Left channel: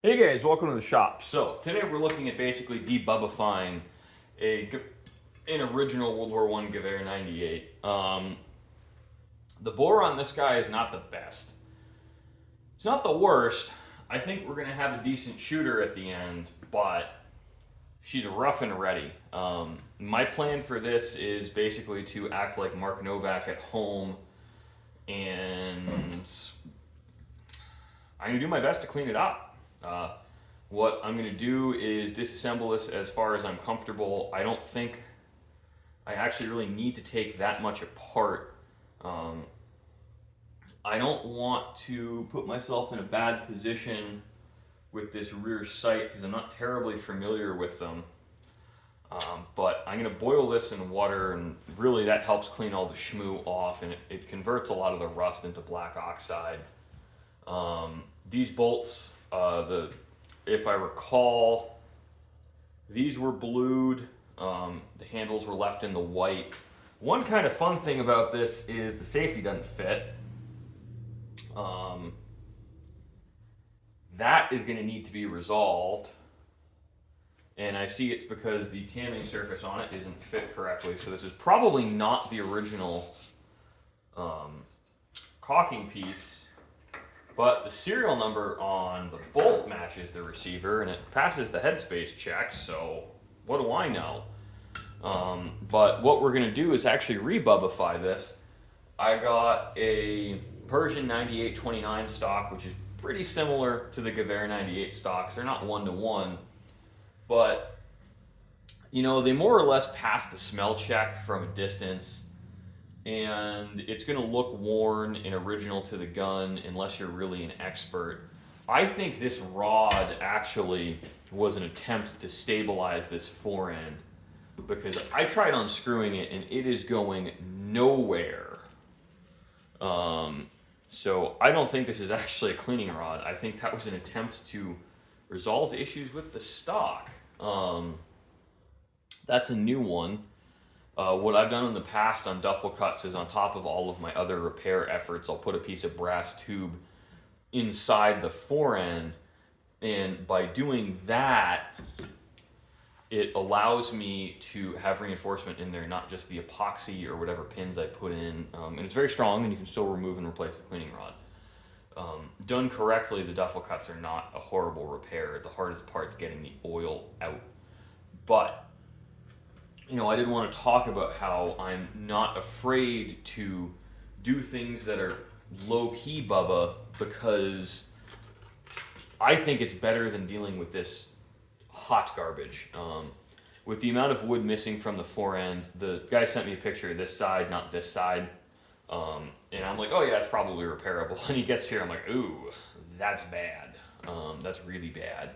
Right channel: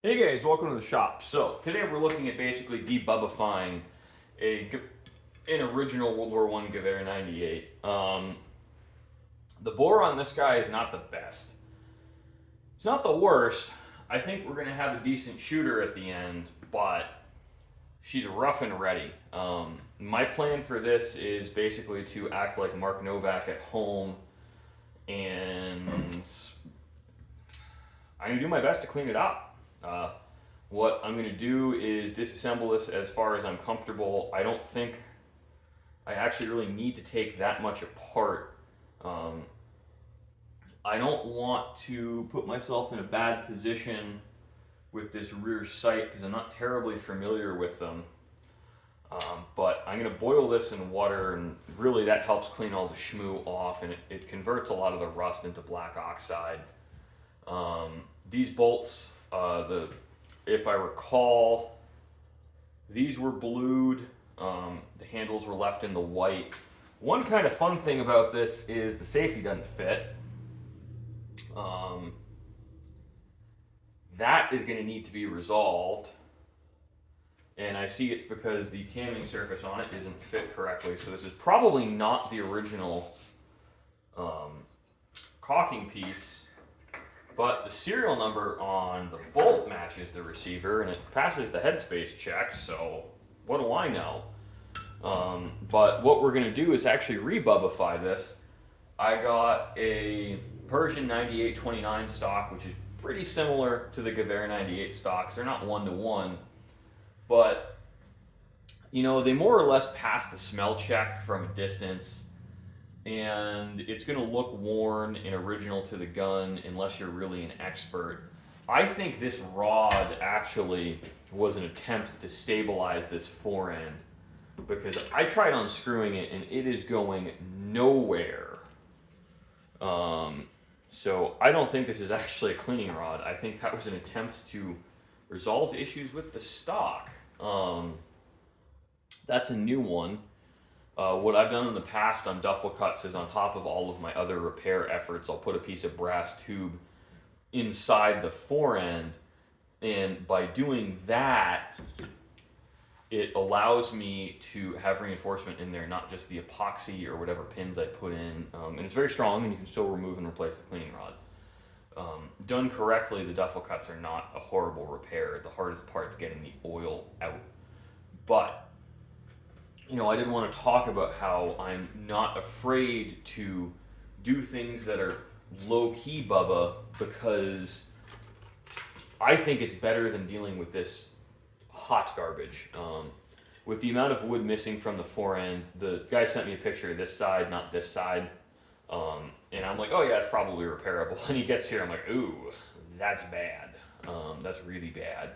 Hey guys, welcome to the shop. So today we're looking at basically debubbifying an original World War I Gewehr 98. The bore on this guy is not the best. It's not the worst. I think we're gonna have a decent shooter at the end, but she's rough and ready. My plan for this is basically to act like Mark Novak at home, and I'm gonna do my best to clean it up. What I'm going to do is disassemble this as far as I'm comfortable. I don't think I actually really need to take that much apart. Um, I don't want to put myself in a bad position with this rear sight because I'm not terribly familiar with them. But I'm going to boil this in water, and really that helps clean all the schmoo off, and it converts a lot of the rust into black oxide. These bolts, if I recall, these were blued. The handles were left in the white. One kind of fun thing about this is the safety doesn't fit. That is going to need to be resolved. And I see it's because the camming surface on it isn't fit correctly. So this is probably not the original caulking piece, but the serial number on the bolt matches the receiver and it passes the headspace check, so what do I know? But what we're going to do is actually rebubbify this. I got a Persian 9829 stock, which is pretty similar to the Gewehr 98 stocks. They're not one to one, but you know, they more or less pass the smell check from a distance, and it's going to look worn and original to the gun unless you're really an expert. I think this rod actually was an attempt to stabilize this fore end because I tried unscrewing it and it is going nowhere. So I don't think this is actually a cleaning rod. I think that was an attempt to resolve issues with the stock. That's a new one. What I've done in the past on duffel cuts is on top of all of my other repair efforts, I'll put a piece of brass tube inside the fore end, and by doing that, it allows me to have reinforcement in there, not just the epoxy or whatever pins I put in. And it's very strong, and you can still remove and replace the cleaning rod. Done correctly, the duffel cuts are not a horrible repair. The hardest part's getting the oil out. But you know, I didn't want to talk about how I'm not afraid to do things that are low key, Bubba, because I think it's better than dealing with this hot garbage. With the amount of wood missing from the fore end, the guy sent me a picture of this side, not this side. And I'm like, oh yeah, it's probably repairable. And he gets here, I'm like, ooh, that's bad. That's really bad.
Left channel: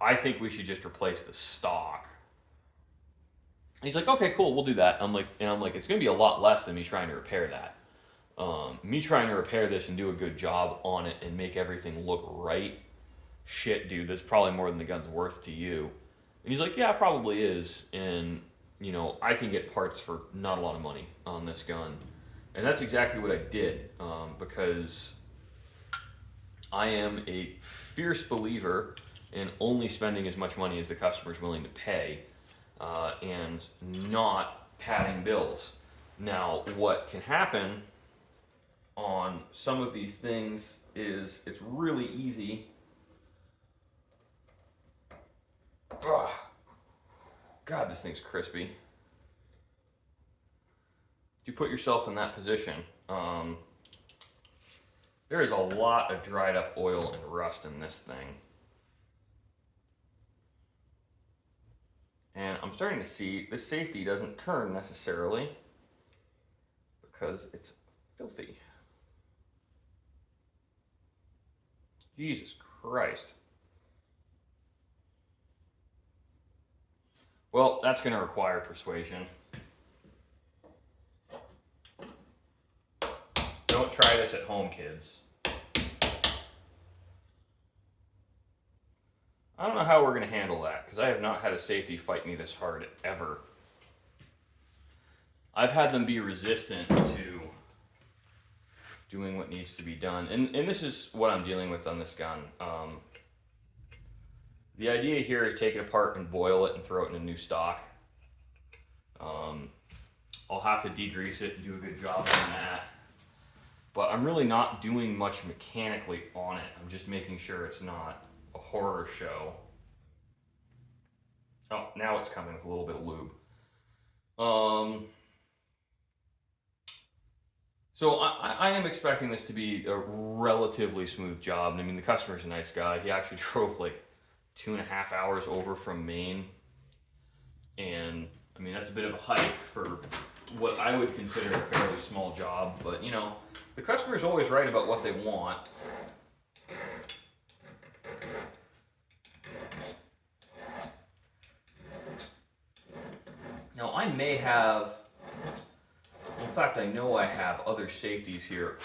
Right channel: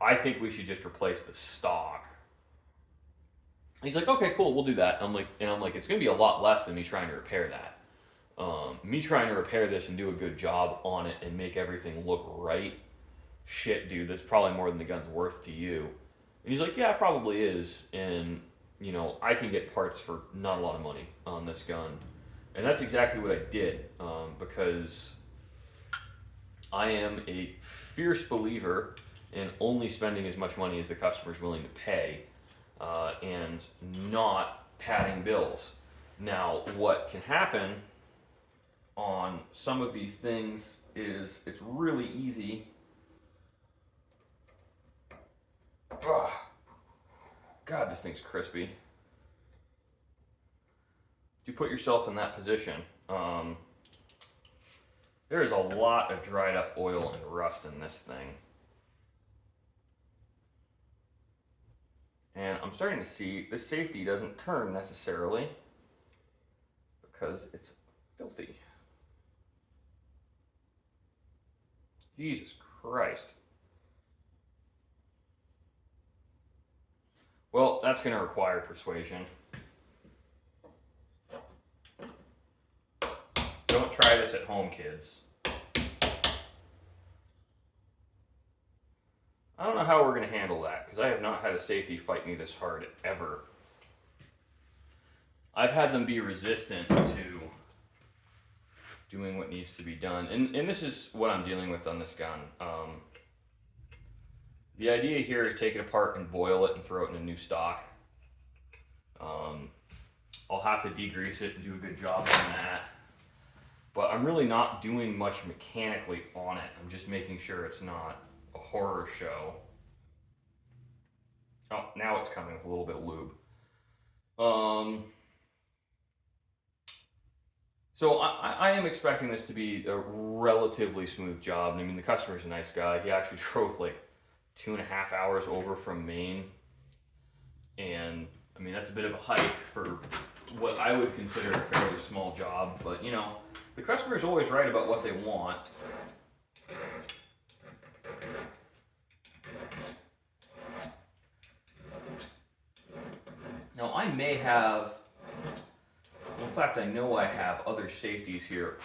I think we should just replace the stock. He's like, okay, cool, we'll do that. I'm like, it's gonna be a lot less than me trying to repair that. Me trying to repair this and do a good job on it and make everything look right. Shit, dude, that's probably more than the gun's worth to you. And he's like, yeah, it probably is. And you know, I can get parts for not a lot of money on this gun, and that's exactly what I did because I am a fierce believer in only spending as much money as the customer's willing to pay. And not padding bills. Now, what can happen on some of these things is it's really easy. Oh, God, this thing's crispy. If you put yourself in that position, there is a lot of dried up oil and rust in this thing. And I'm starting to see the safety doesn't turn necessarily because it's filthy. Jesus Christ. Well, that's going to require persuasion. Don't try this at home, kids. I don't know how we're going to handle that because I have not had a safety fight me this hard ever. I've had them be resistant to doing what needs to be done, and this is what I'm dealing with on this gun. The idea here is take it apart and boil it and throw it in a new stock. I'll have to degrease it and do a good job on that. But I'm really not doing much mechanically on it. I'm just making sure it's not a horror show. Oh, now it's coming with a little bit of lube. So I am expecting this to be a relatively smooth job. I mean, the customer's a nice guy. He actually drove like 2.5 hours over from Maine. And I mean, that's a bit of a hike for what I would consider a fairly small job. But you know, the customer's always right about what they want. Now, I may have, well, in fact, I know I have other safeties here.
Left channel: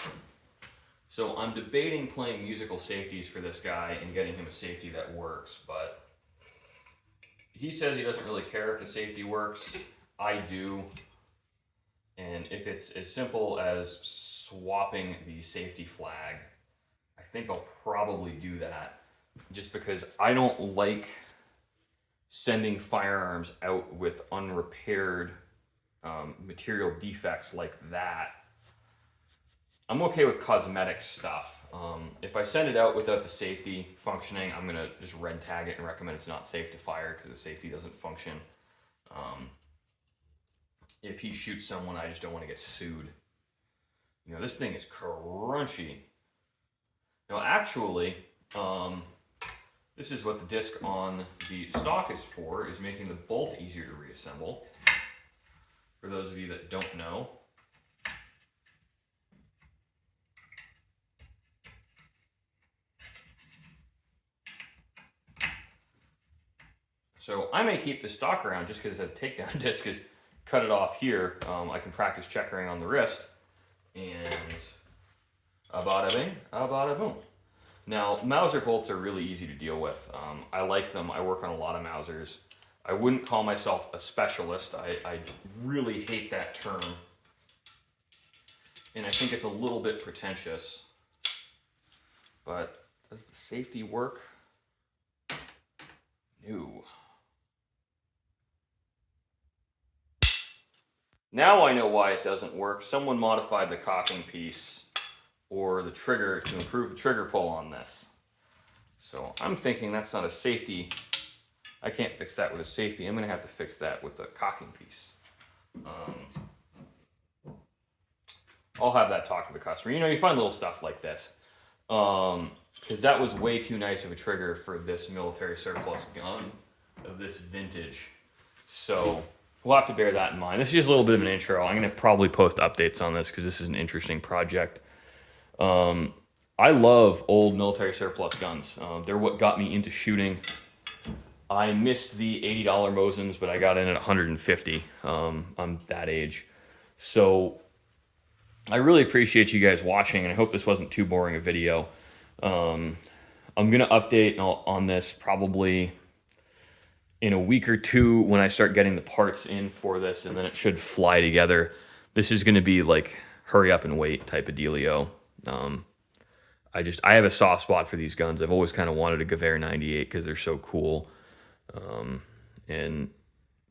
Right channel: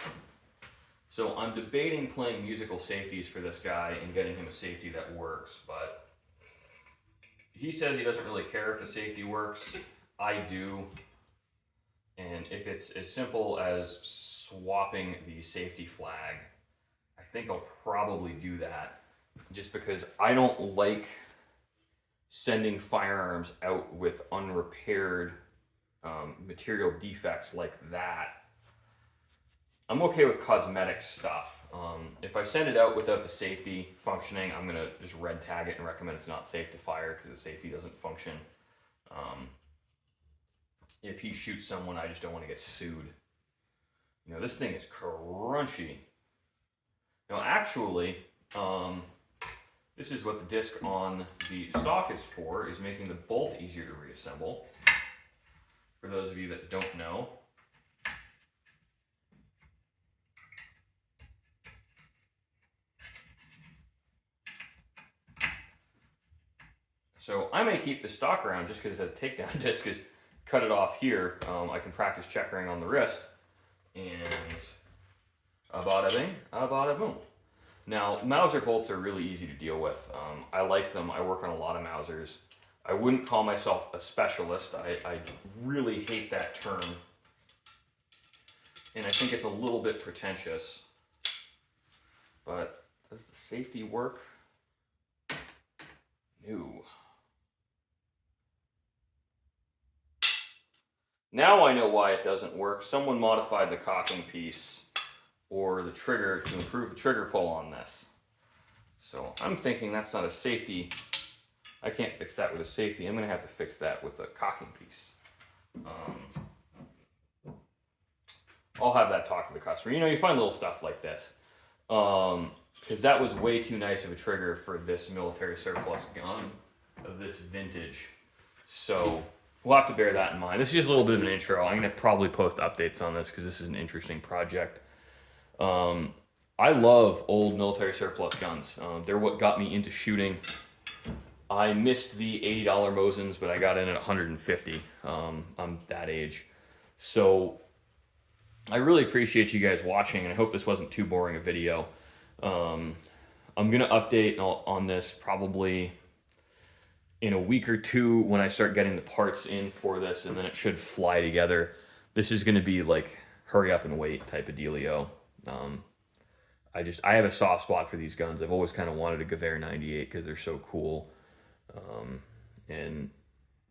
So I'm debating playing musical safeties for this guy and getting him a safety that works, but he says he doesn't really care if the safety works. I do. And if it's as simple as swapping the safety flag, I think I'll probably do that. Just because I don't like sending firearms out with unrepaired material defects like that. I'm okay with cosmetic stuff. If I send it out without the safety functioning, I'm gonna just red tag it and recommend it's not safe to fire because the safety doesn't function. If he shoots someone, I just don't want to get sued. You know, this thing is crunchy. Now, actually, this is what the disc on the stock is for, is making the bolt easier to reassemble. For those of you that don't know. So I may keep the stock around just because the takedown disc is cut it off here. I can practice checkering on the wrist, and bada bing, bada boom. Now, Mauser bolts are really easy to deal with. I like them. I work on a lot of Mausers. I wouldn't call myself a specialist. I really hate that term, and I think it's a little bit pretentious. But does the safety work? No. Now I know why it doesn't work. Someone modified the cocking piece or the trigger to improve the trigger pull on this. So I'm thinking that's not a safety. I can't fix that with a safety. I'm going to have to fix that with a cocking piece. I'll have that talk to the customer. You know, you find little stuff like this. Because that was way too nice of a trigger for this military surplus gun of this vintage. So we'll have to bear that in mind. This is just a little bit of an intro. I'm going to probably post updates on this because this is an interesting project. I love old military surplus guns. They're what got me into shooting. I missed the $80 Mosins, but I got in at 150. I'm that age. So I really appreciate you guys watching, and I hope this wasn't too boring a video. I'm going to update on this probably in a week or two when I start getting the parts in for this, and then it should fly together. This is going to be like hurry up and wait type of dealio. I have a soft spot for these guns. I've always kind of wanted a Gewehr 98 because they're so cool. And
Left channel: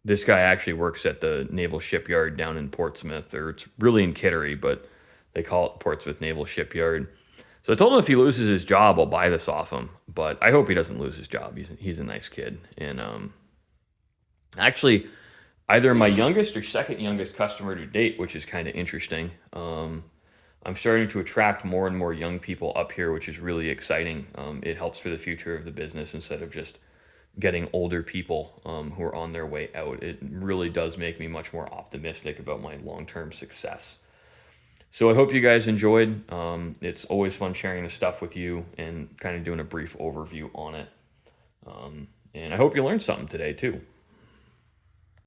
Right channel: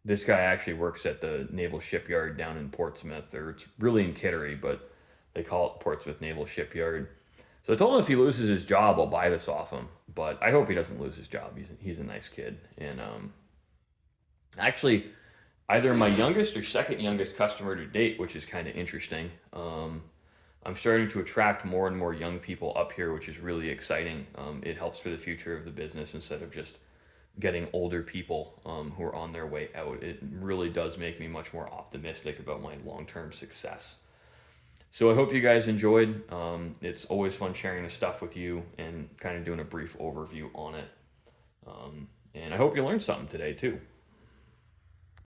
this guy actually works at the Naval Shipyard down in Portsmouth, or it's really in Kittery, but they call it Portsmouth Naval Shipyard. So I told him if he loses his job, I'll buy this off him. But I hope he doesn't lose his job. He's a nice kid. And actually, either my youngest or second youngest customer to date, which is kind of interesting. I'm starting to attract more and more young people up here, which is really exciting. It helps for the future of the business instead of just getting older people who are on their way out. It really does make me much more optimistic about my long-term success. So I hope you guys enjoyed. It's always fun sharing this stuff with you and kind of doing a brief overview on it. And I hope you learned something today too.